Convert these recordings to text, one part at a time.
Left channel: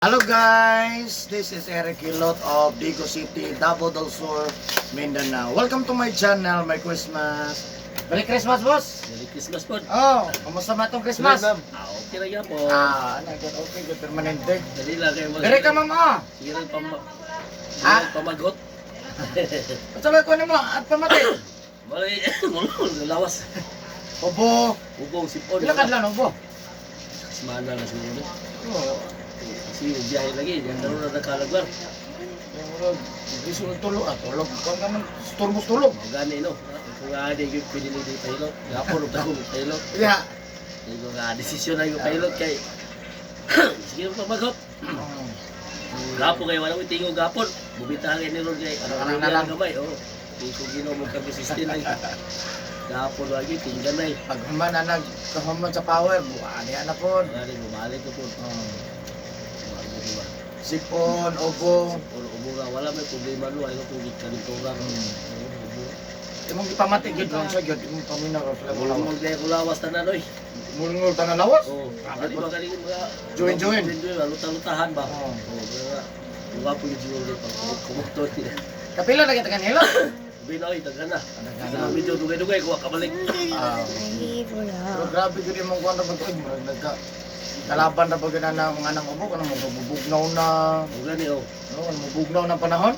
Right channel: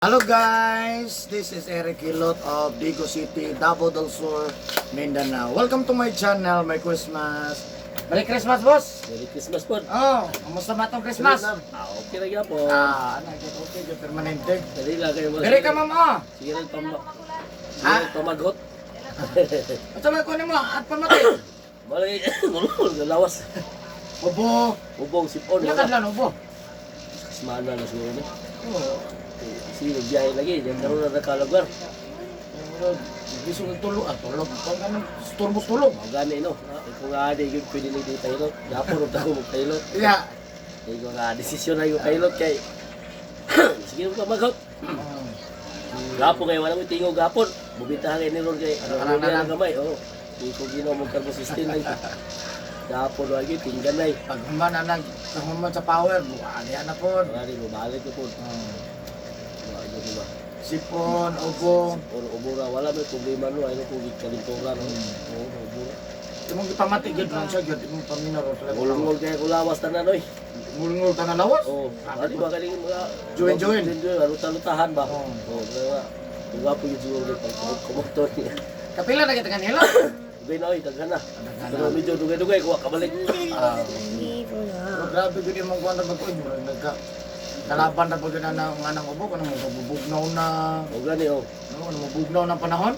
Hello guys, this is Eric Hilot of Digo City, Davao del Sur, Mindanao. Welcome to my channel, my Christmas. Merry Christmas, boss! Merry Christmas po. Oh, kamusta ba itong Christmas? Okay na yan po. Okay, good, permanente. Dali lang kayo. Dali ka, mama! Sige lang Ha? pamagot. At sabay ko mo, at pamati. Malay, lawas. Obo, Ubong sipon. lakad lang, obo. Semana na siguro na. Oh, Sige, biyahe lagi. Diyan karoon na nakalagar. gusto ng tulog, tulog. Kung naman, turbos tulog. Mga gani, no? Kung nga di yung pinili di pilot. Gapon ang ako mag-pilot. Yeah. Hindi ko nga desisyon na yung pilot kay... Sige mo pamagot. Gapon kayo, walang tingog gapon. Bubitahan kayo ni Ron kay... Ano na lang gamay, oo. Hindi ko ginawa mong kag-assistin lagi. Gapon lagi, tinggan na eh. Pag human na nagkahuman sa power, buwan yan na po. Wala rin, bumalik ko po. Wala mo diba? Sipon, obo. Ubura, wala may problema no. Ano kung ikalinturan. Oo, ubura. Imong ipamati gid lang siya gid imong paminaw pala wala. Ulungol kaya kulawas tanan oy. Mulungol ta na lawas. Oo. Ano ba kaling mga Join. Luta-lutahan ba? Oo. Oo. Diba po yung siguro rin pag kumotor niya. Kapila na kita kanila. Binoy, taghan na. Pero medyo dugay-dugay, kuha kabalik. Pero grabe gud imong kuan ra pag nagka kalaban ra pag na mga nang ubo kanang mabubugnaw na. O gani o. No, mabubugnaw na panahon.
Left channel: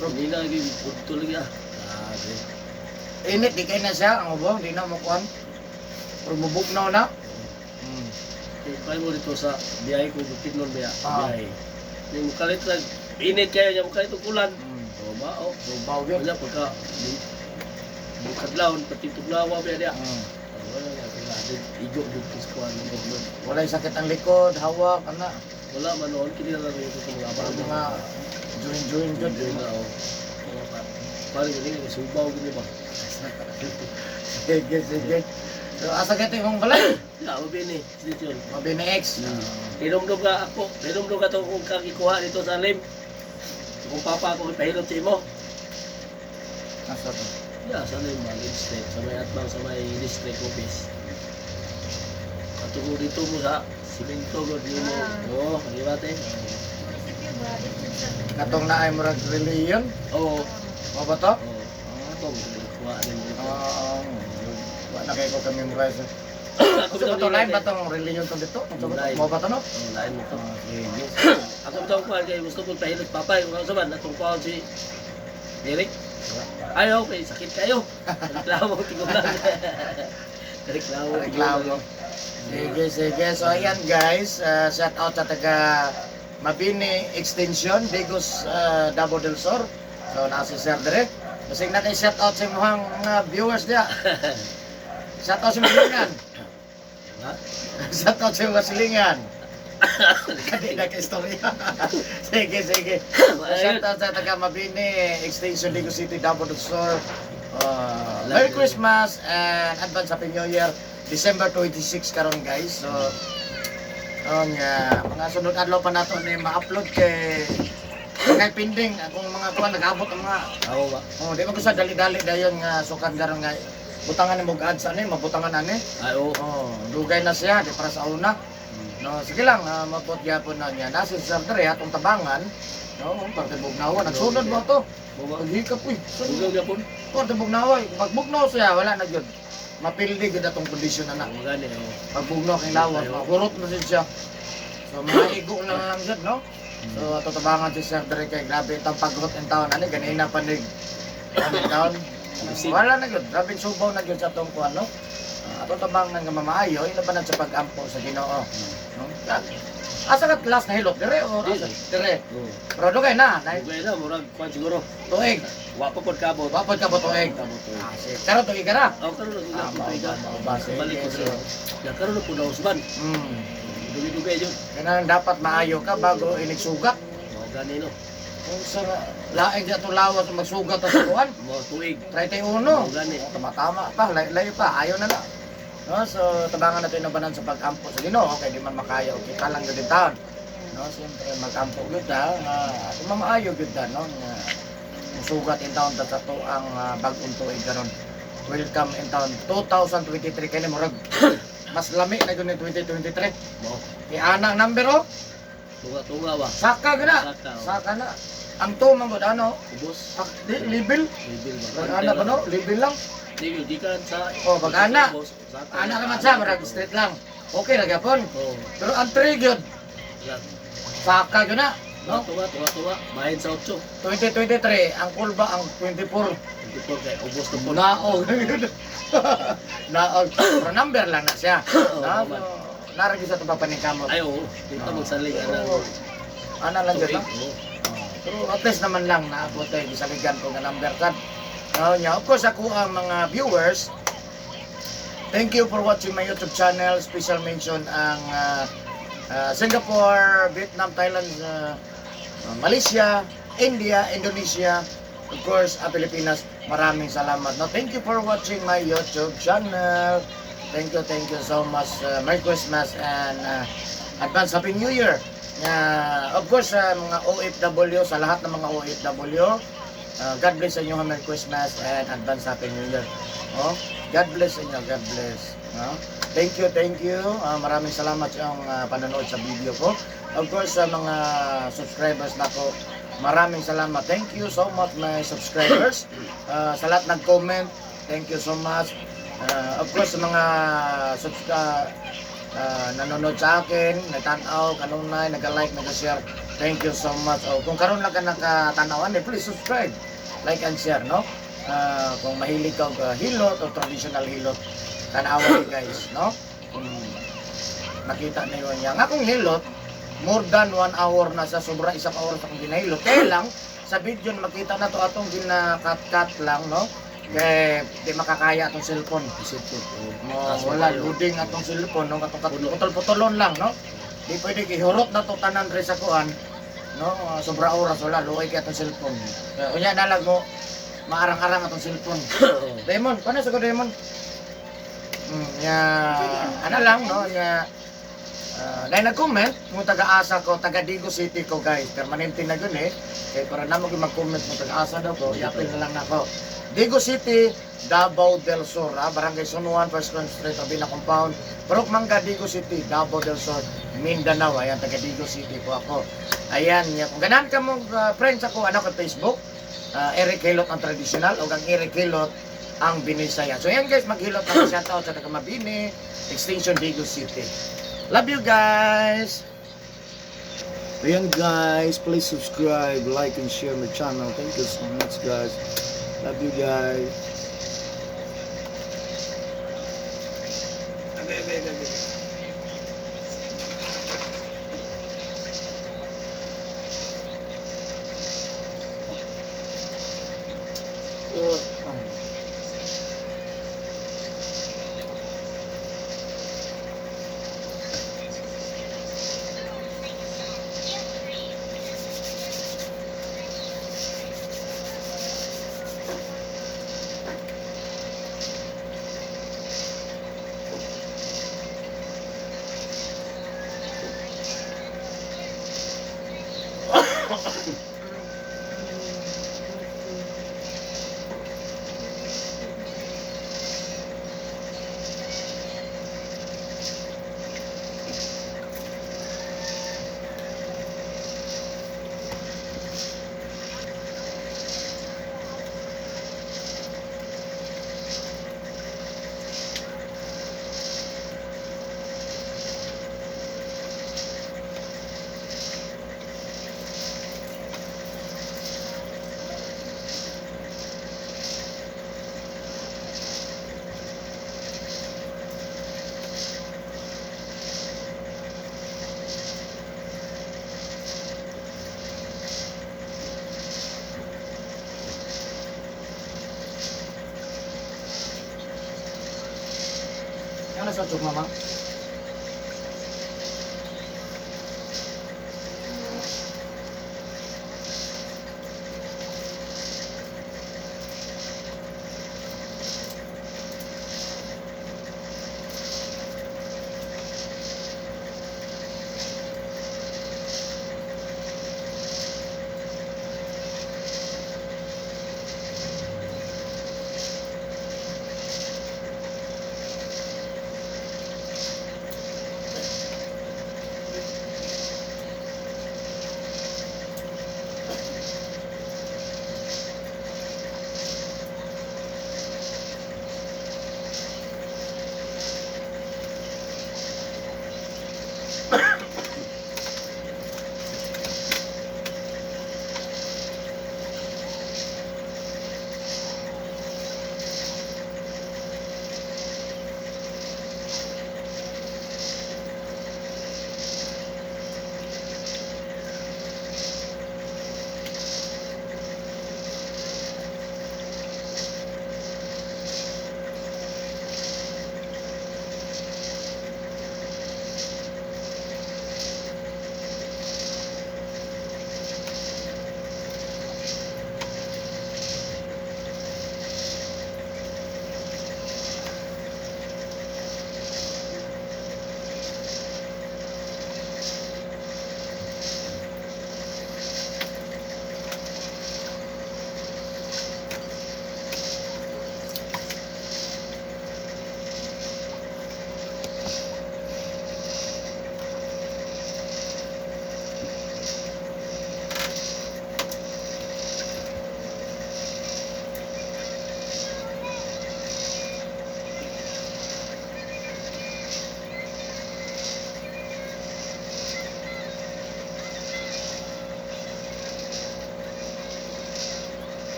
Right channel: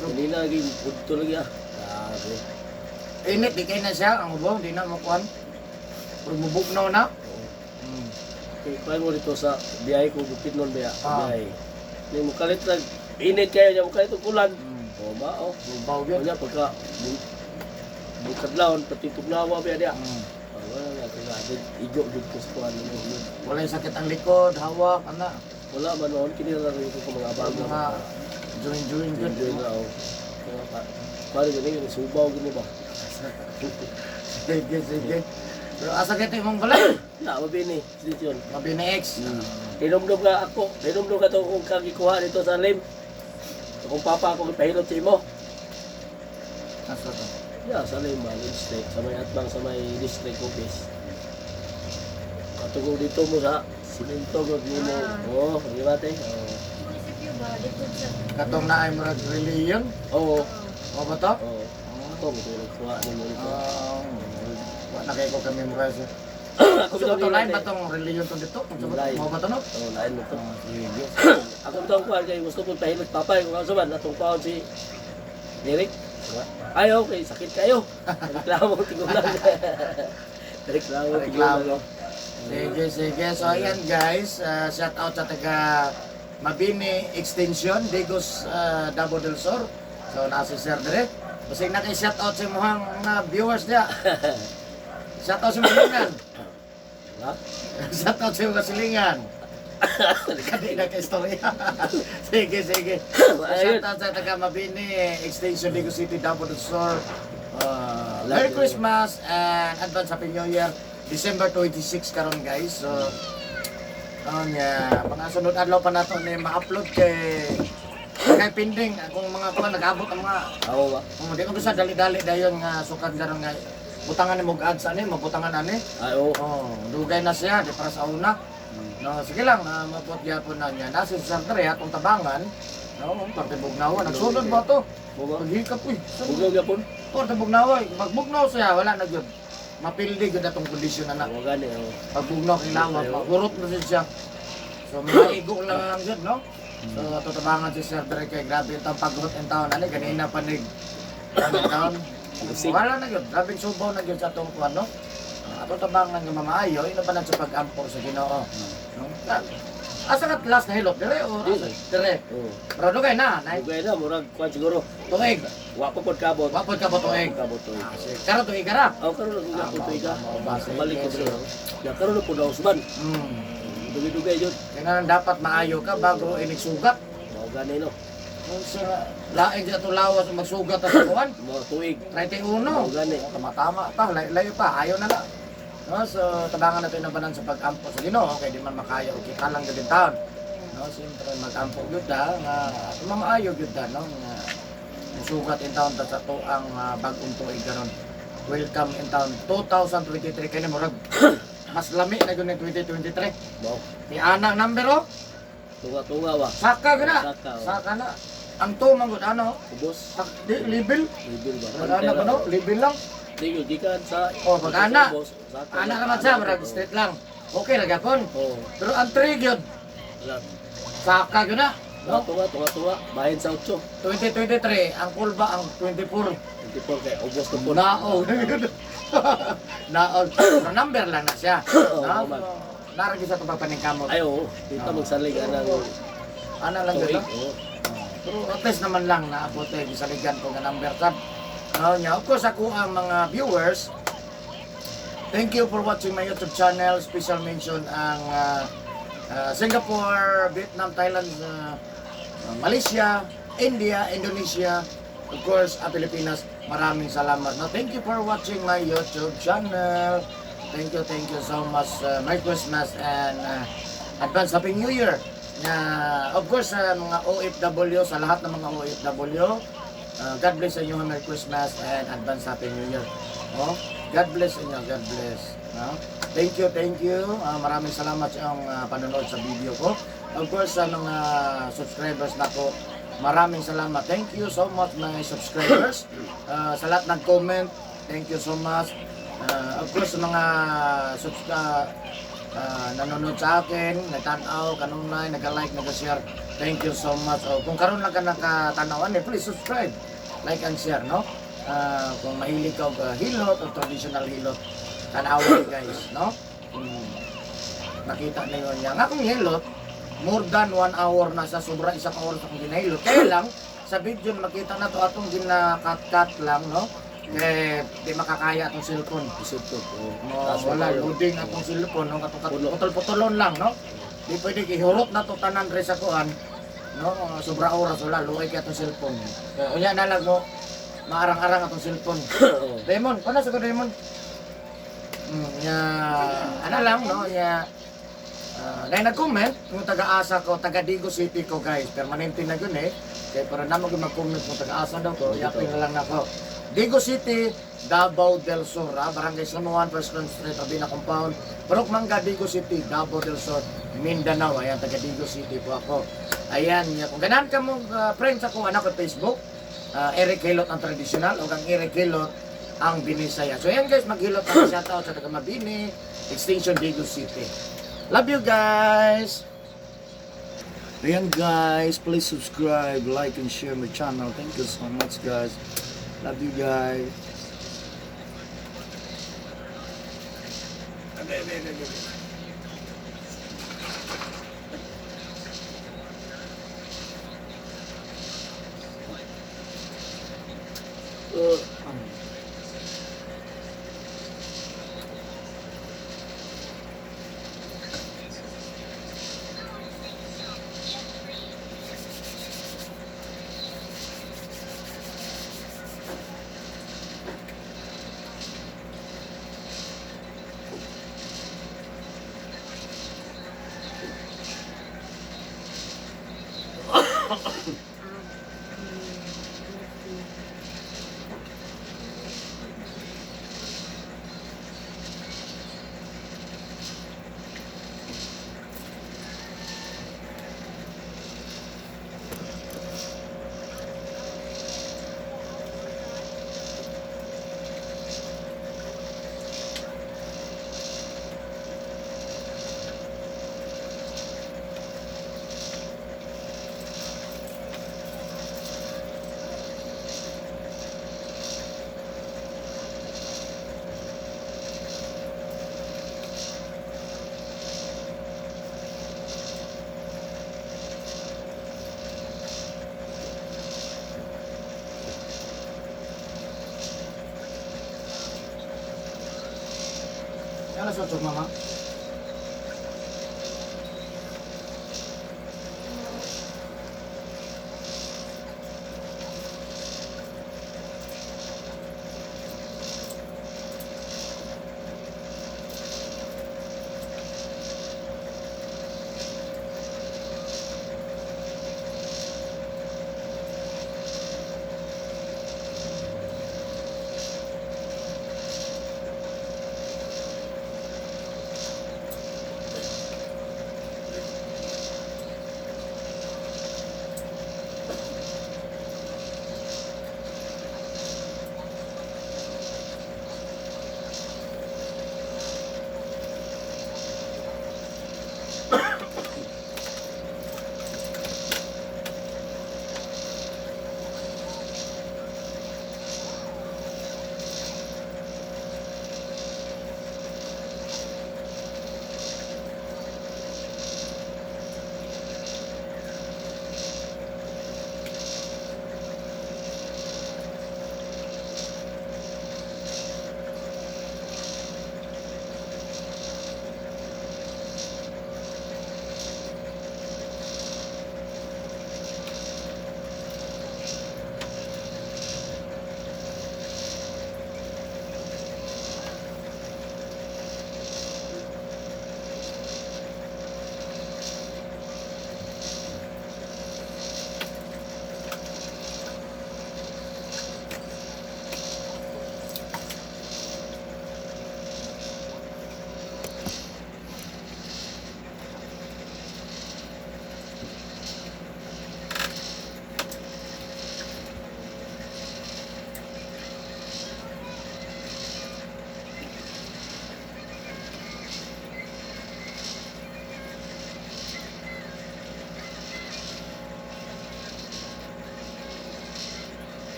Hindi na lagi, punto lagi ah. Grabe. Init di kay na siya ang ubo, di na mo kuan. Pero mabubugnaw na. Okay, kaya mo dito sa biyahe ko, bukid nun Ah. biyahe. Hindi mo kalit lang, init kayo niya mo kalit ang kulan. O ba, o. Baw gyud. Kanya pagka bukadlawon, pati tugnawa biya diya. Wala nga, kaya igok dito ko sa kuhan ng government. Walay sakit ang likod, hawak, ana. Wala man noon, kini na lang ito sa mga abaga. Mga join gud. Enjoy na ako. Mga pari gani, subaw gini ba? Sige. Pero asa gati mong balay? Ya, mabini, dito yun. Mabini X. Tinumdum ka ako, tinumdum ka itong kung kagikuha dito sa lim. Kung papa ako ipahilot sa imo. Asa to? Ya, sa lim ba, lim state, sa may atbang, sa may district office. Katungkol dito mo sa simento ko, di mo, di ba te? Katong na ay murag religion. Oo, Mo ba to? oo. Ako, magkuha din mo ito. Wa na kay ko kami murag sa. Ako Gusto bitaw to ni lain ba Late. tong religion to dito? Lain. Mo ba to no? Oo, lain mo to. Sige. Ako bitaw ko kay gusto ko pahilot papay kung ano man natong kuha si Eric. Ay, okay, sakit kayo. Reklamo, tigulang. Reklamo, tigulang. Sige. So ayan guys, shout out sa taga Mabini Extension, Digos, Davao del Sur. So nasa Sir Dre. Kasi na kay shout out sa mga viewers niya. Shout out sa Silingan. Ha? Shout out sa mga Silingan. Kadi na kay istorya. Sige. Shout out sa taga Mabini Extension, Digos City, Davao del Sur. Merry Christmas and advance Happy New Year. December 26 karon guys. So mga sunod adlaw pa nato ni ma-upload kay pending akong mga kuan nag-abot ang mga Ako ba? di man ko sa dali-dali dayon nga sukat garon nga butangan ni mog ads ani mabutangan ani. Ay, oo. Dugay na siya di para sa una. No, sige lang mabot gyapon na niya. Nasa sa dre atong tabangan. No, parte bugnawa nagsunod mo to. Paghikap uy. Bugaw yapon? Parte bugnawa, magbugnaw siya wala na gyud. Mapildi gud atong kondisyon na. Oo, gani, oo. Pagbugnaw kay lawas, mahurot na siya. So mga igo na lang yun, no? So tatabangan si Sir Dre kay grabe itong pag-hot in town. Ano, ganina pa nig town. Wala na yun, grabe subaw na yun sa itong kuwan, no? Ato tabangan nga mamaayo, ina pa na sa pag-ampo sa Ginoo. No? Asa ka last na hilot, dire o dire? Oo. Pero dugay na, Bugay na, murag kuwan siguro. tuig. Wapa pod kabot. Wapod ka ba tuig? Kabot to. Karon tuig ka na? Ako karon lang nga po ito. Base. Balik ko dito. Ya karon na po daw usban. Dugay-dugay yun. Kaya dapat maayo ka bago inigsugat. Mao gani no. Kung sa laing dito lawas magsugat sa kuwan. Mao tuig. 31. Mao gani. Tama pa, layo pa, ayaw na lang. No, so tabangan natin na banan sa pag-ampo sa Ginoo, kaya di man makayo kita lang din taon. No, siyempre mag-ampo gyud ta nga mamaayo gyud ta no nga musugat in taon ta sa tuang bag-ong tuig karon. Welcome in town 2023 kani murag mas lami na gyud ni 2023. Mo. Kay ana number oh. Tunga-tunga ba? Saka gina. Saka, oh. Saka na. Ang tumang gud ano? Ubos. Libil. Bibil ba? Pag-ana ko no, libil lang. Di gikan sa Oh, pag-ana. Saka. Ana ka man sa marag straight lang. Okay ra gyapon. Oh. Pero ang trigger saka gyud na. No? Tunga-tunga. Bahin sa 8. 2023 ang kulba ang 24. 24 kay ubos na po. Naog. Naog. Pero number lang na siya. Oo, Na, man. naragi sa tabapan ng kamot. Ay, oo. Kita magsalig anang Ana lang tuig. dito. Oo. Pero at least naman lang naabot tayo gisaligan ko nga number kad. Niya, of course ako ang mga viewers. Thank you for watching my YouTube channel. Special mention ang Singapore, Vietnam, Thailand, Malaysia, India, Indonesia, of course, Pilipinas. Maraming salamat. No, thank you for watching my YouTube channel. Thank you so much. Merry Christmas and advance Happy New Year. Of course, mga OFW, sa lahat ng mga OFW, God bless sa inyo, Merry Christmas and advance Happy New Year. Oh, God bless sa inyo, God bless. Thank you. Maraming salamat sa panonood sa video ko. Of course, sa mga subscribers na ko, maraming salamat. Thank you so much my subscribers. Sa lahat nag-comment, thank you so much. Of course, sa mga nanonood sa akin, nagtanaw, kanunay, nag-like, nag-share, thank you so much. Kung karon lang ka nakatanawan, please subscribe, like and share, no? Kung mahilig ka hilot o traditional hilot, tanawan guys, no? Kung nakita niyo niya. Ang akong hilot, more than 1 hour na sa sobra isang oras akong ginahilot. Kaya lang, sa video makita na to atong gina-cut lang, no? Kaya di makakaya atong cellphone. Wala, loading atong cellphone, no? Putol-putulon lang, no? Di pwede ihurot na to tanan rin sa kuhan, no? Sobra oras, wala, luay kaya atong cellphone. Unya na lang, no? Maarang-arang atong cellphone. Demon, paano sa ko Demon? Ano lang, no? Dahil nag-comment, yung taga-asa ko, taga-Digo City ko guys, permanente na yun eh. Kaya para naman yung mag-comment yung taga-asa daw ko, yapin na lang ako. Digo City, Davao del Sur, Barangay Sunuan, First Grand Street, Abina Compound, Purok Mangga, Digo City, Davao del Sur, Mindanao. Ayan, taga-Digo City po ako. Ayan, kung ganahan ka mong friends ako, anak ko Facebook, Eric Hilot ang traditional, o ang Eric Hilot ang Binisaya. So ayan guys, maghilot na shoutout sa taga Mabini, Extension Digo City. Love you guys! Ayan guys, please subscribe, like, and share my channel. Thank you so much guys. Love you guys. Ano sa tug mama?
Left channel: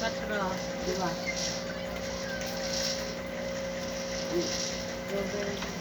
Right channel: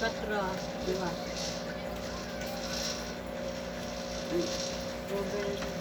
Patro, dua. Robert.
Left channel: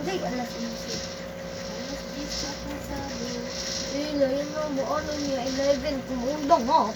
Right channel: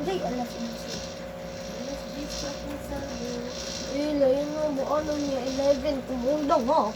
Hindi, alas 11. Alas 10 pa pasado. Yan na mo. Ano niya? 11. Kumundang nga.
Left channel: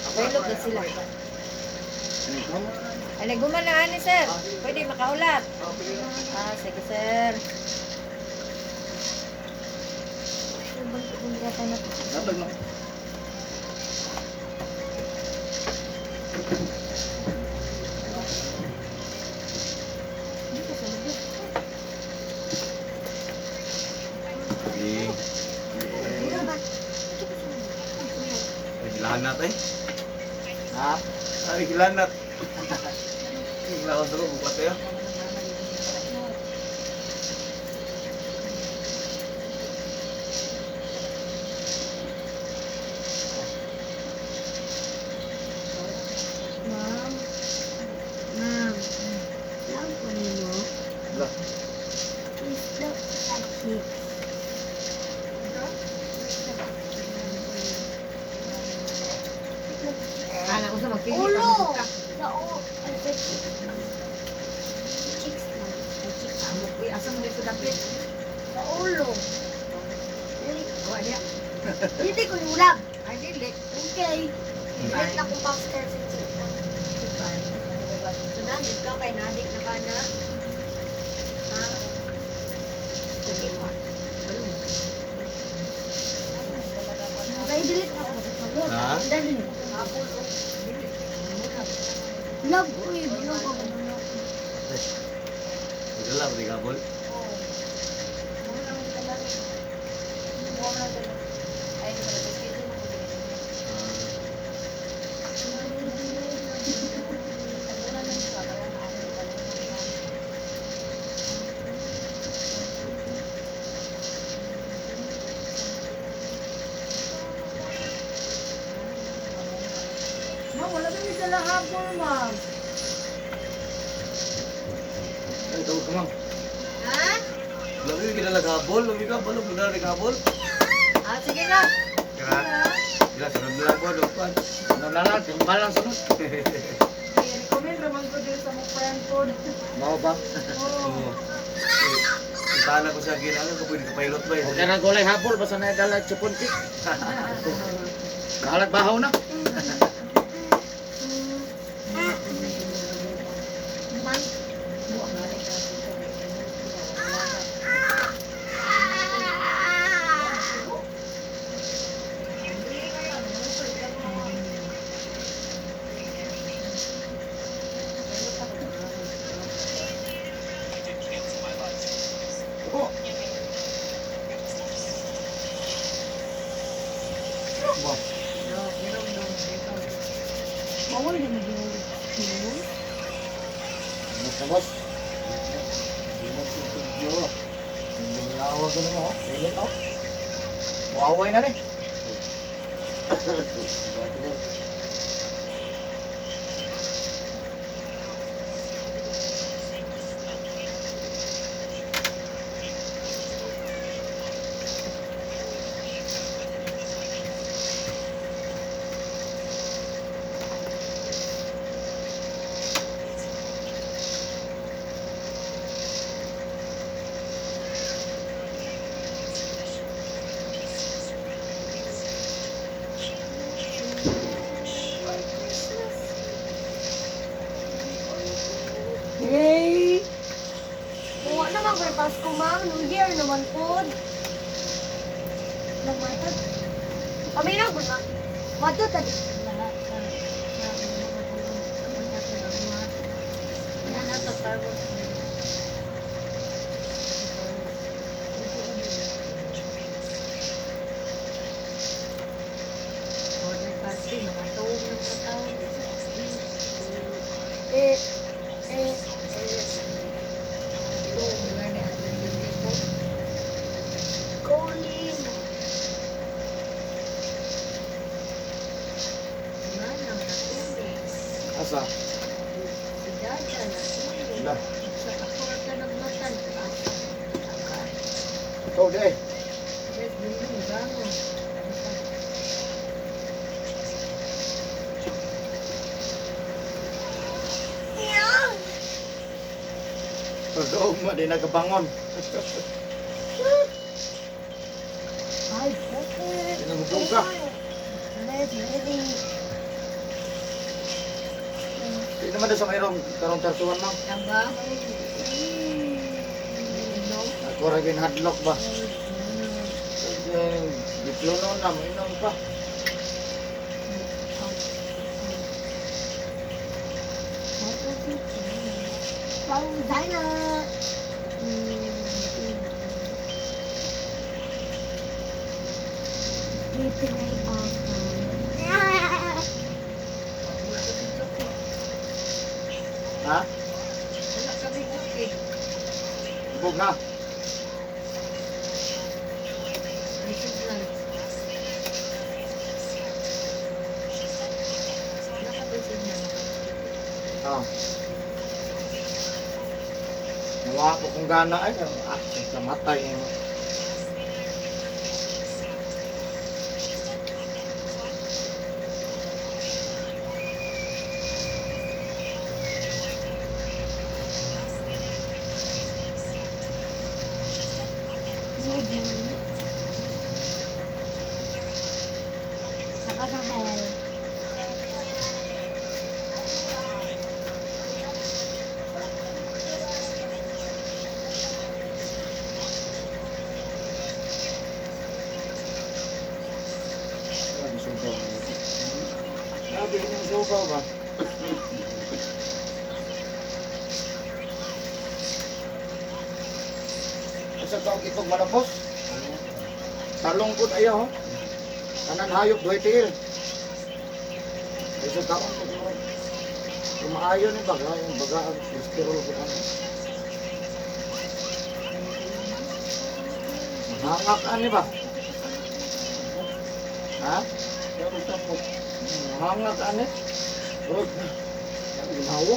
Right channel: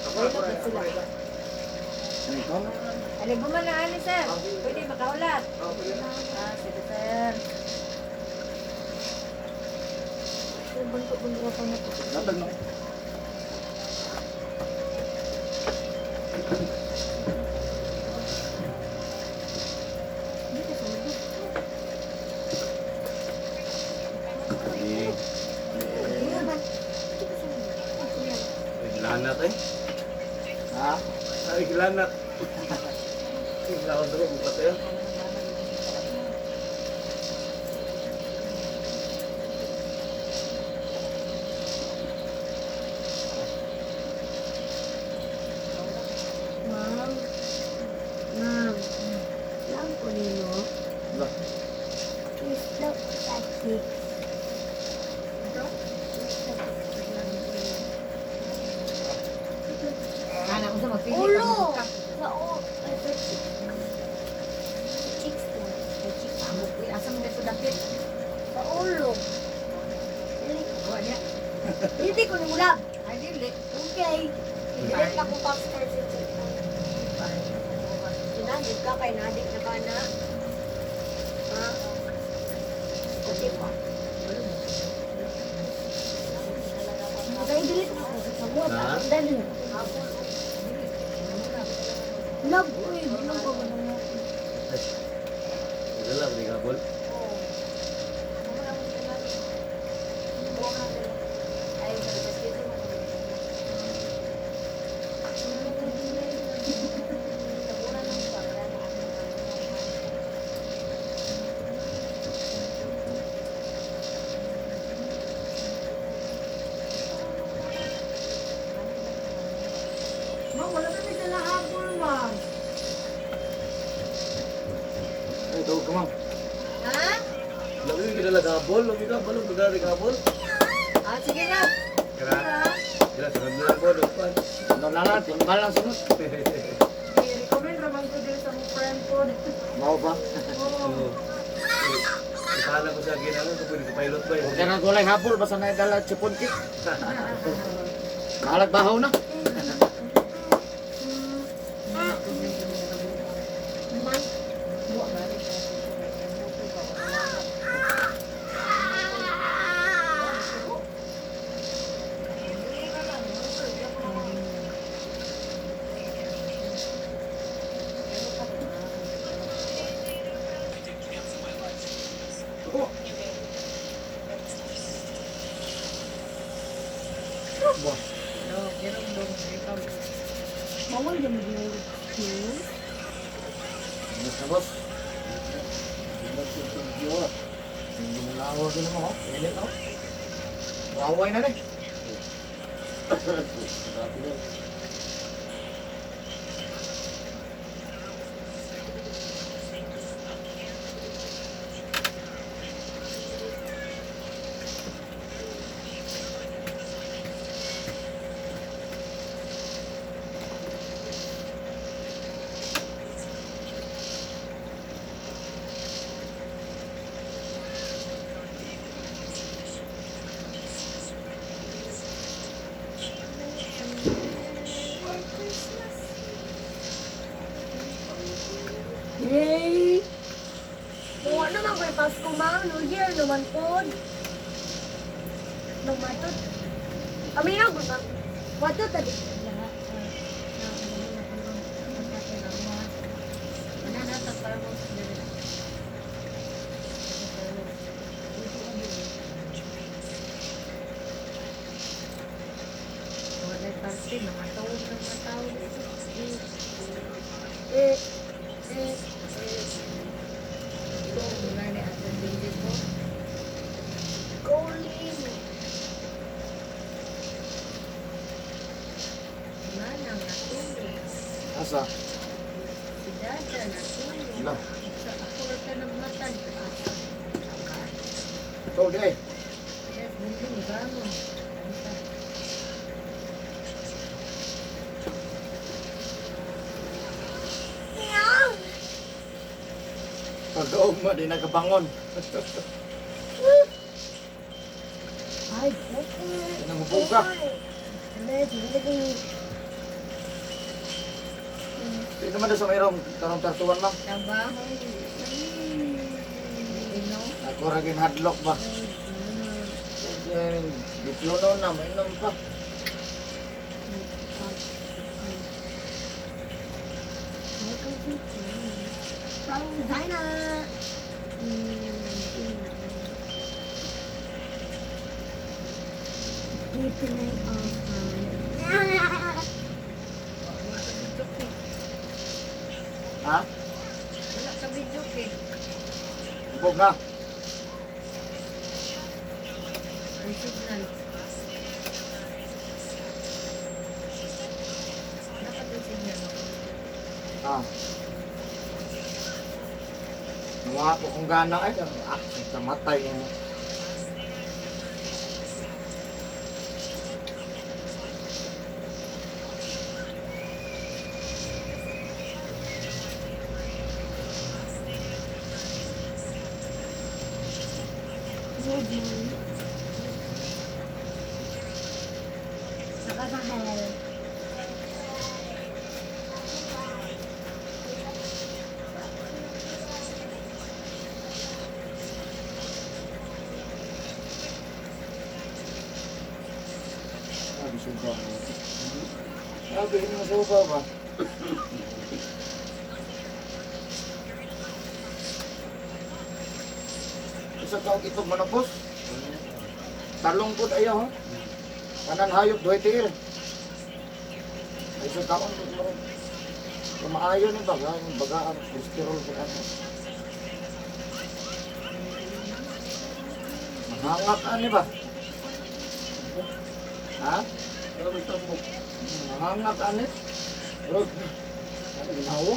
Pwede ba sila? Ano ito? Ay, gumana ani sir. Pwede makaulat. Sige sir. Buntot-buntot na po. Datag na. Hindi ka sa lubog. Gilanat eh. Ha? Ay, gilanat. Gilanat dulu buat ya. Ma'am. Ma'am. Lang po nino. Lah. Please look at it. Kala ko sa magpili Ulo! ka. Sa o. Ay, sa chicks na. Ay, chik, amo ko. Asam na ko dapit. Sa ulo. Dili. O, niya. Hindi ko nulab. Ay, dili. Okay. Dili na kong popstar sa chicken. Sinagit ka kay nadik na ka na. Ha? Okay pa. Dahil delete na ko sa pagod. Ha? Dali. Love ko eh. Bilang ko ba na ako? Gelap di kabul. Ma'am, wala kami dala hapon, ma'am. Ay, tawag ka, ma'am. Ha? Lalu kita dah kabul, lalu kita balu benar di kabul. Ah, sige na. Kira, kira sudah bilang gua depan. Ano na lang, timbal lang sunod. I-recommend naman ko din sa mga friend ko. Mau ba? Oh. Sana ko sa gina ko pwede ka pilot ba Huwag ka na gulay habol, basta na dala chipon cake. Kalag bahaw na. Man. Ba, Bawal din mo yung basta boss. Hindi si Tudyo. Hindi mo nawa ko naman, oh. Pilit, oh. Waway na rin. Yay! Kuha naman ko yung Pasko, ma'am. New Year naman po. Magmatod. Kami na po na. Matod tadi. Eh, eh, Colin. Asa? Lah. Ikaw di eh. Pag-oog mo, di nagabangon. Ay, okay. Pinangubuga. Ready, ready. Di naman sa mayroong karong tartuan ma'am. Trabaho. Ino. Ako rin hadlock ba? Diplono na, mainom pa. Parang China. Little night of Ha? Wala ka video eh. Ibog na. May signal. Dapat yung signal. Ah. Nawa ko kung gana ay kamatay mo. Saka sa hell. Sabi suba. Sabi mo suba ba? Isa taong itog manapos. Talong pud ayaw. Kanan hayop duhay tiil. Isa taong itog manapos. Lumaayo ni baga, yung baga ang cholesterol ko ano. Mahangak ani ba? Ha? Mahangak ani? Oh. Ano ginawa?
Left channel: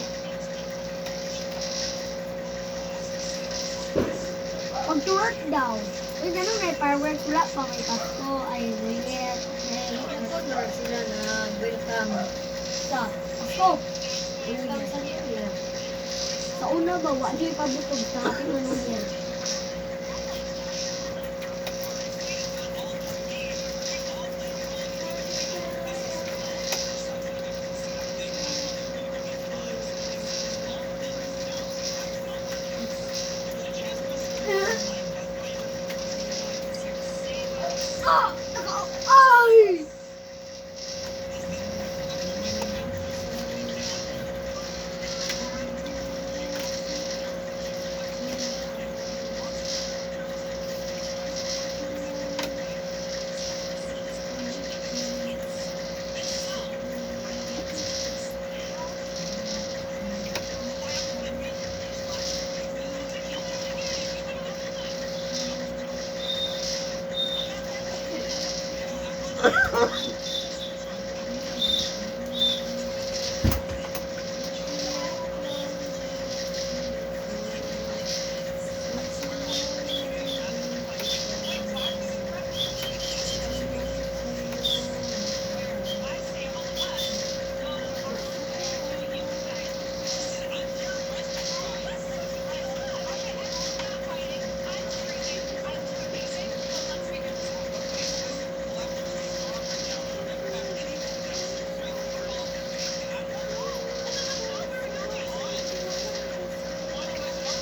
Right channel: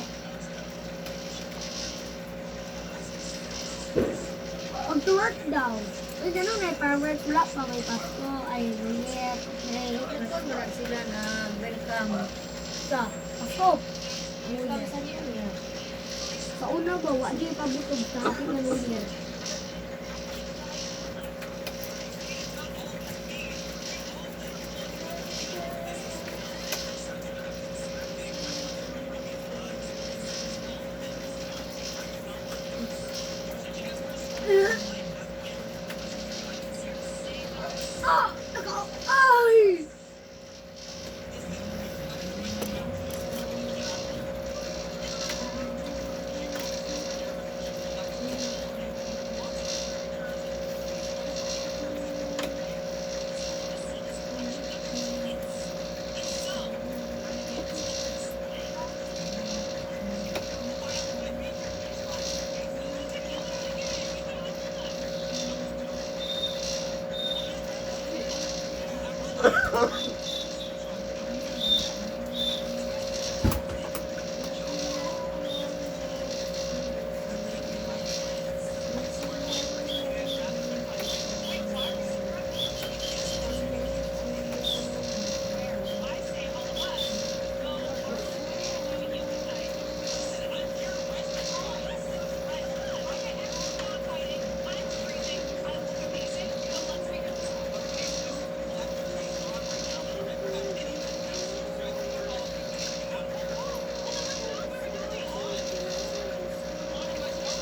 Pag-work daw. Uy, ganun may fireworks. Wala pa may Pasko. Ay, Reyes. May Nagkon ba sila na welcome sa Pasko. New Year sa New Year. Sa una ba, wala niya ipabutog sa ating New Year. Ay!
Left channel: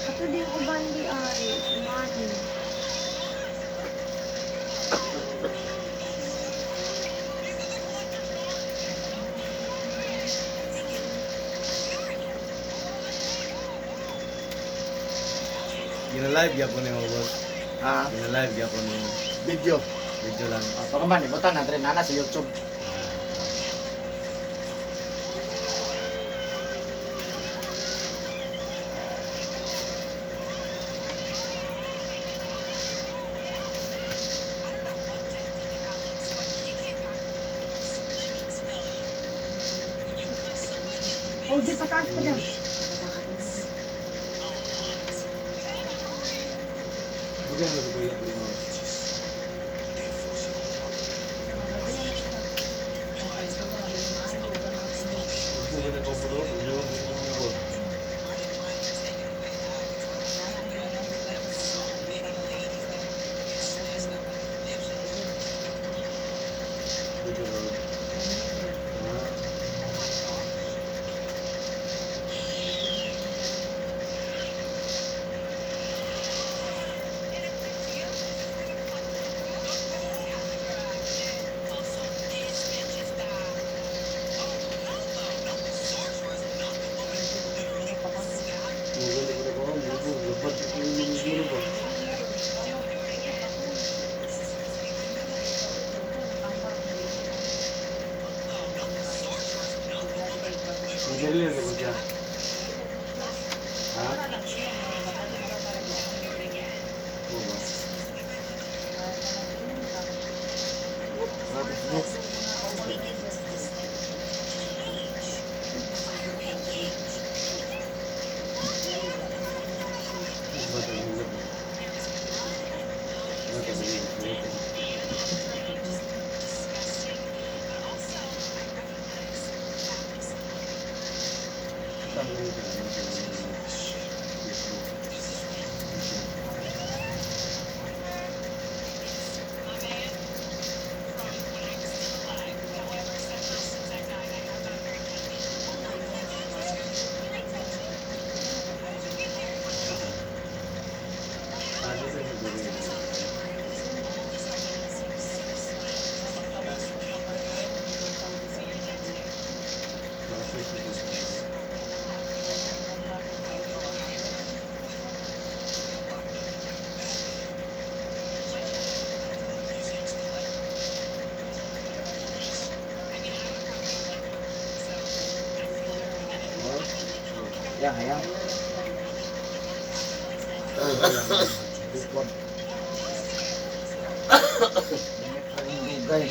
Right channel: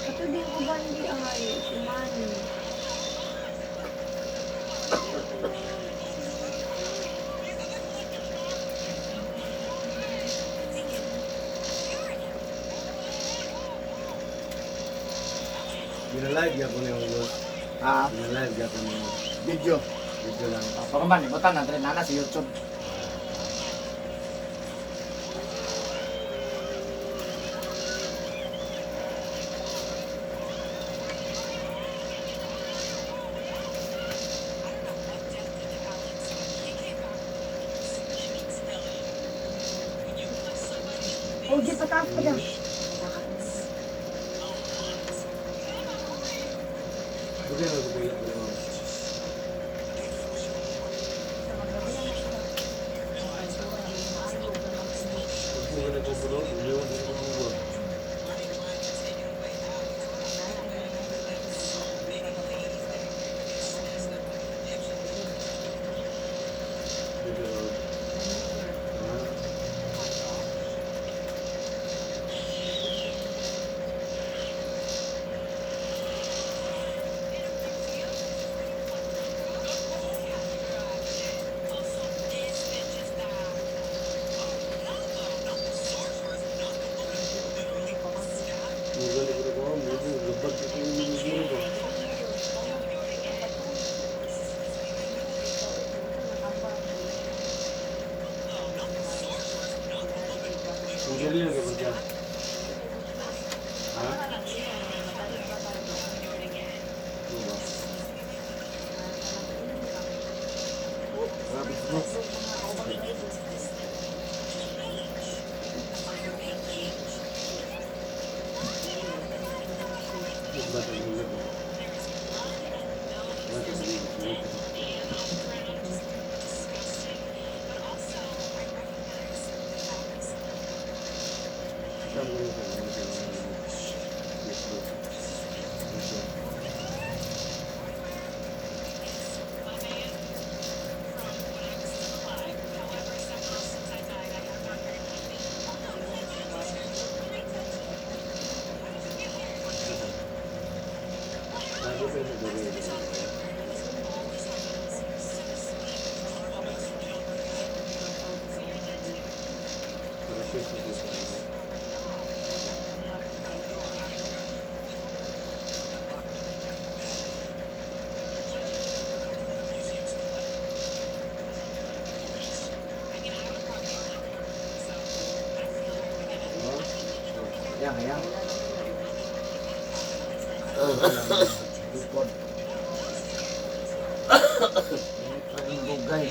Ito din ko ba hindi ay umani? Gina-live ya ko ni mo, boss. Ah, Gina-live ya ko ni mo. video. Video lang. Pakaman, ibutan na rin na sa YouTube. O, di pataas pa daw. Bukan na bukan ko mo. Bukan na ko po do, bukan ko mo. Hindi lagi mo siya. Ha? Oo ba? Grabe, smooth. Yang, yang. Bukod. Init pa rin gugay.